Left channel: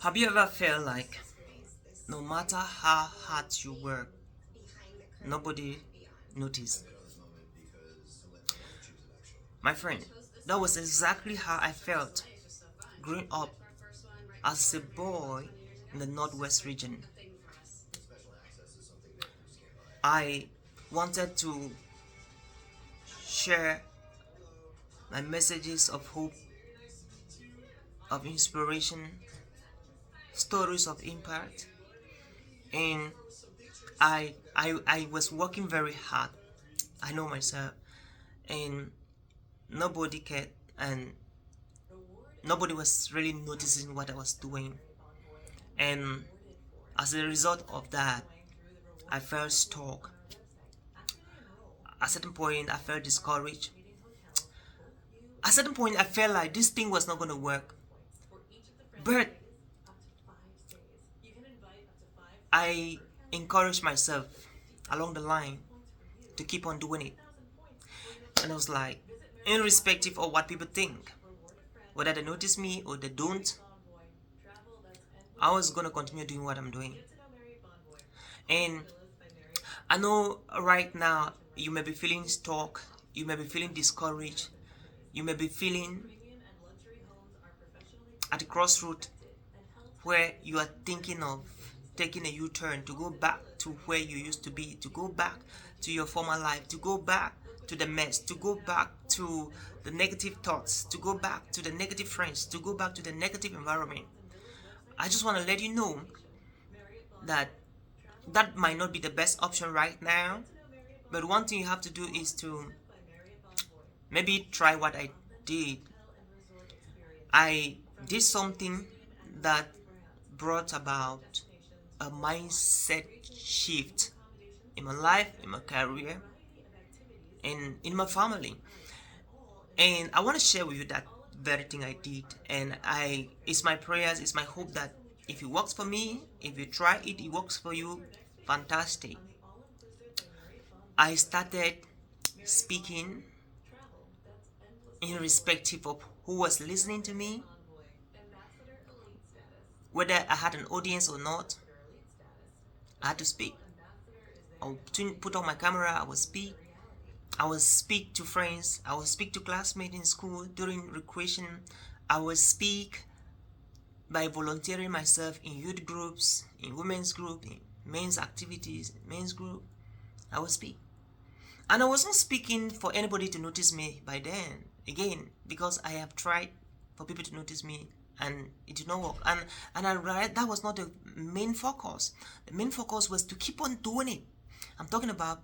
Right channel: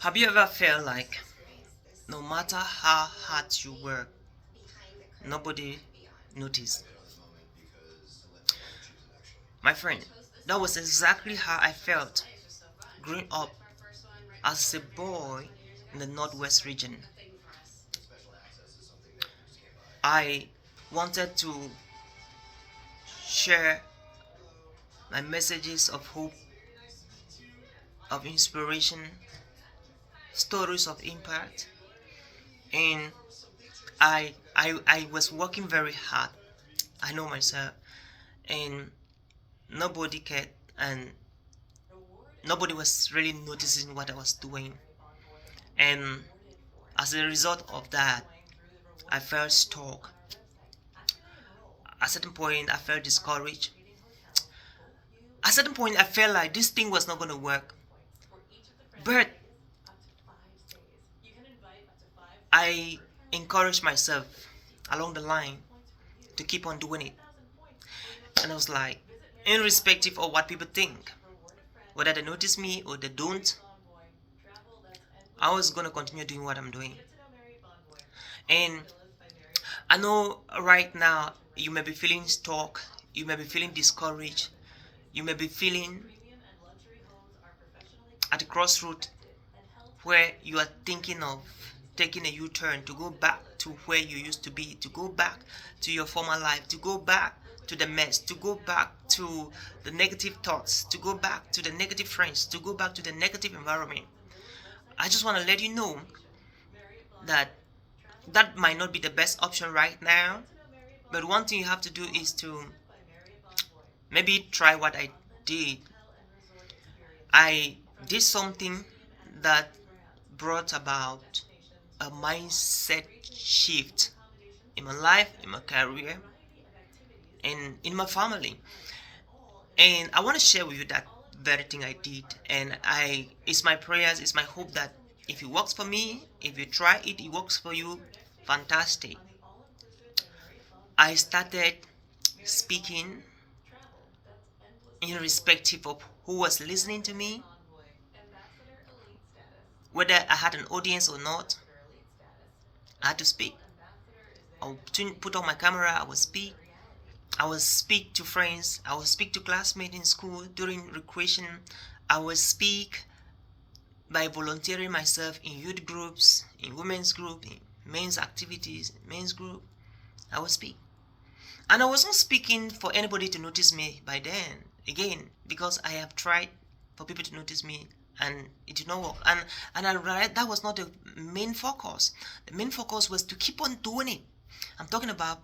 Have you ever felt like no matter how hard you work, nobody noticed? My friend, that was exactly how I felt growing up as a boy in the Northwest region. I wanted to share my messages of hope, of inspiration, stories of impact, and I was working very hard. I know myself, and nobody cared, and nobody was really noticing what I was doing. And as a result of that, I felt stuck. At a certain point, I felt discouraged. At a certain point, I felt like this thing was not going to work. But I encouraged myself along the line to keep on doing it. And I was like, irrespective of what people think, whether they notice me or they don't, I was going to continue doing what I'm doing. And I know right now you may be feeling stuck, you may be feeling discouraged, you may be feeling at a crossroad where you are thinking of taking a U-turn to go back to where you used to be, to go back to your former life, to go back to the mess, to go back to the negative thoughts, to go back to the negative friends, to go back to the negative environment. I just want to let you know that that might not be the best option right now, but one thing you have to do is to maybe try what I did. I did something that brought about a mindset shift in my life, in my career, and in my family. And I want to share with you that very thing I did. And it's my prayers, it's my hope that if it works for me, if you try it, it works for you. Fantastic. I started speaking irrespective of who was listening to me, whether I had an audience or not. I had to speak. I would put on my camera, I would speak. I would speak to friends, I would speak to classmates in school during recreation. I would speak by volunteering myself in youth groups, in women's group, in men's activities, men's group. I would speak. And I wasn't speaking for anybody to notice me by then, again, because I have tried for people to notice me and it did not work. And I realized that was not the main focus. The main focus was to keep on doing it. I'm talking about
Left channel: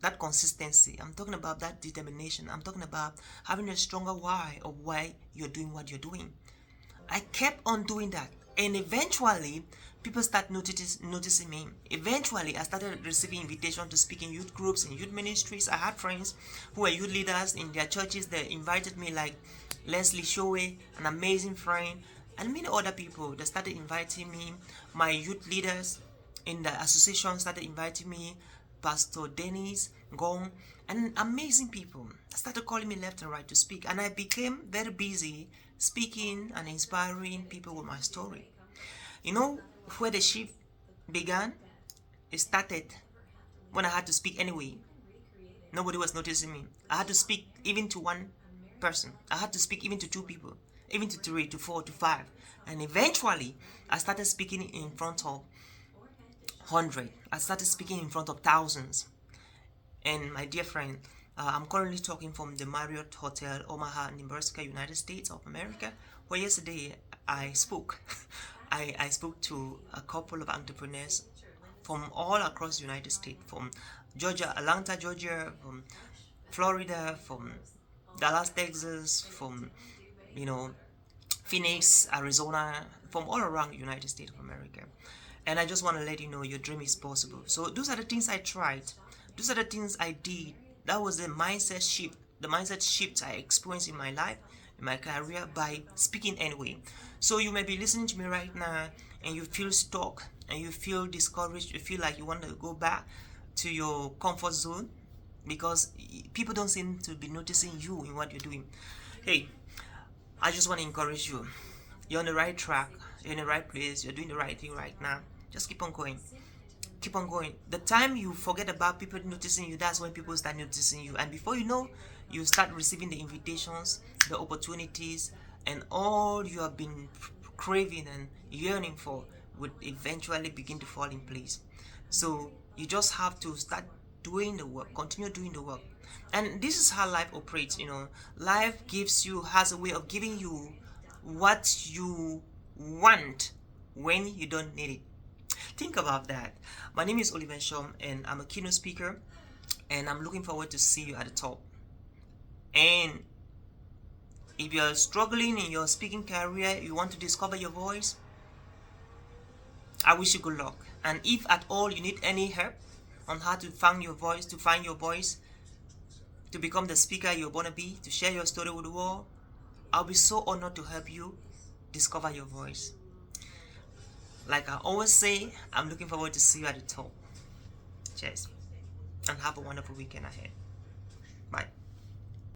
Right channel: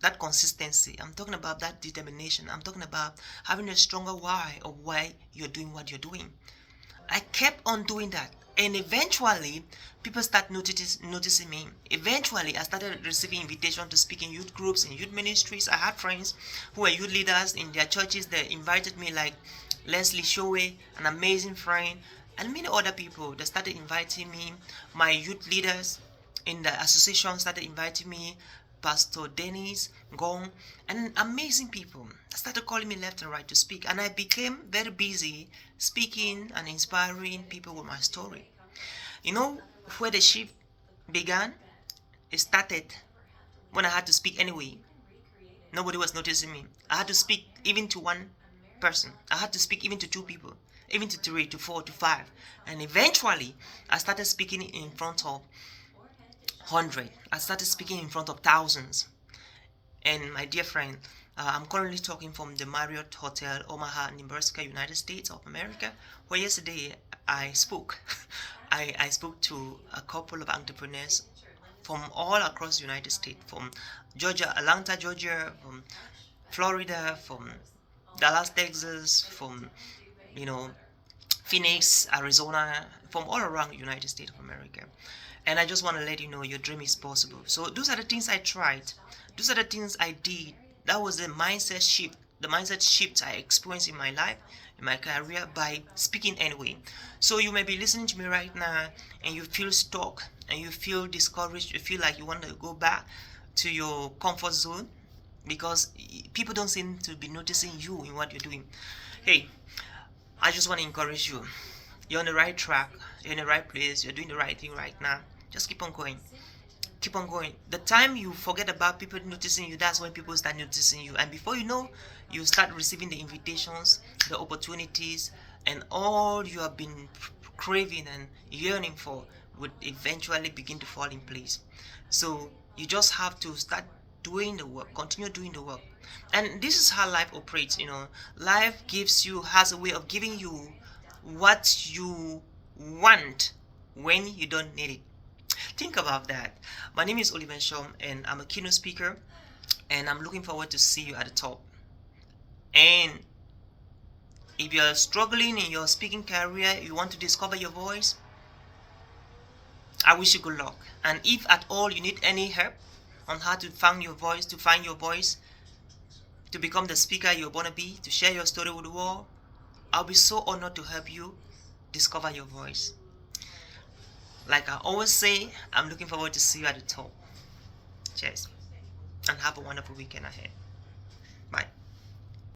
that consistency. I'm talking about that determination. I'm talking about having a stronger why of why you're doing what you're doing. I kept on doing that, and eventually people start noticing me. Eventually I started receiving invitation to speak in youth groups, in youth ministries. I had friends who were youth leaders in their churches. They invited me, like Leslie Showe, an amazing friend, and many other people. They started inviting me. My youth leaders in the association started inviting me. Pastor Dennis Gong, and amazing people started calling me left and right to speak, and I became very busy speaking and inspiring people with my story. You know where the shift began? It started when I had to speak anyway. Nobody was noticing me. I had to speak even to one person. I had to speak even to two people, even to three, to four, to five. And eventually, I started speaking in front of 100. I started speaking in front of thousands. And my dear friend, I'm currently talking from the Marriott Hotel, Omaha, Nebraska, United States of America, where yesterday I spoke. I spoke to a couple of entrepreneurs from all across the United States, from Georgia, Atlanta, Georgia, from Florida, from Dallas, Texas, from you know Phoenix, Arizona, from all around the United States of America. And I just want to let you know your dream is possible. So those are the things I tried. Those are the things I did. That was the mindset shift I experienced in my life, in my career, by speaking anyway. So you may be listening to me right now and you feel stuck and you feel discouraged, you feel like you want to go back to your comfort zone because people don't seem to be noticing you in what you're doing. Hey, I just want to encourage you. You're on the right track. You're in the right place. You're doing the right thing right now. Just keep on going. Keep on going. The time you forget about people noticing you, that's when people start noticing you. And before you know, you start receiving the invitations, the opportunities, and all you have been craving and yearning for would eventually begin to fall in place. So you just have to start doing the work, continue doing the work. And this is how life operates, Life has a way of giving you what you want when you don't need it. Think about that. My name is Oliver Shom, and I'm a keynote speaker, and I'm looking forward to see you at the top. And if you're struggling in your speaking career, you want to discover your voice, I wish you good luck. And if at all you need any help on how to find your voice, to become the speaker you're gonna be, to share your story with the world, I'll be so honored to help you discover your voice. Like I always say, I'm looking forward to see you at the top. Cheers. And have a wonderful weekend ahead. Bye.